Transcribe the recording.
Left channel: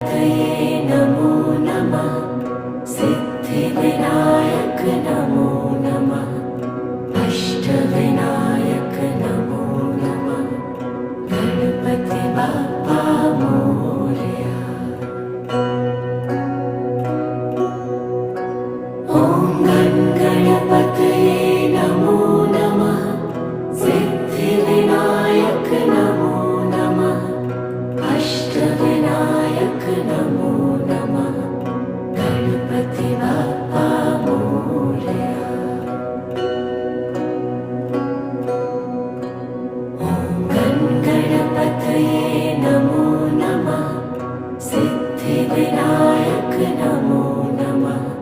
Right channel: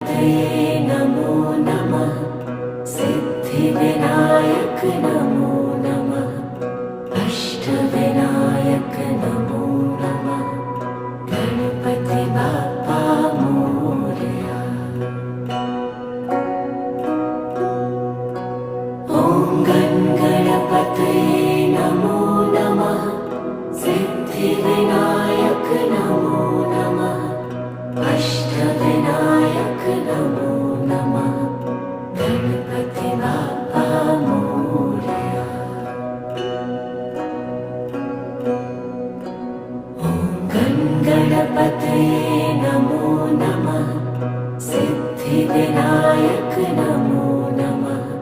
तये नमो नमः। सिद्धिविनायक नमो नमः। अष्टविनायक नमो नमः। गणपति बाप्पा मोरया। ॐ गणपतये नमो नमः। सिद्धिविनायक नमो नमः। अष्टविनायक नमो नमः। गणपति बाप्पा मोरया। ॐ गणपतये नमो नमः। सिद्धिविनायक नमो नमः।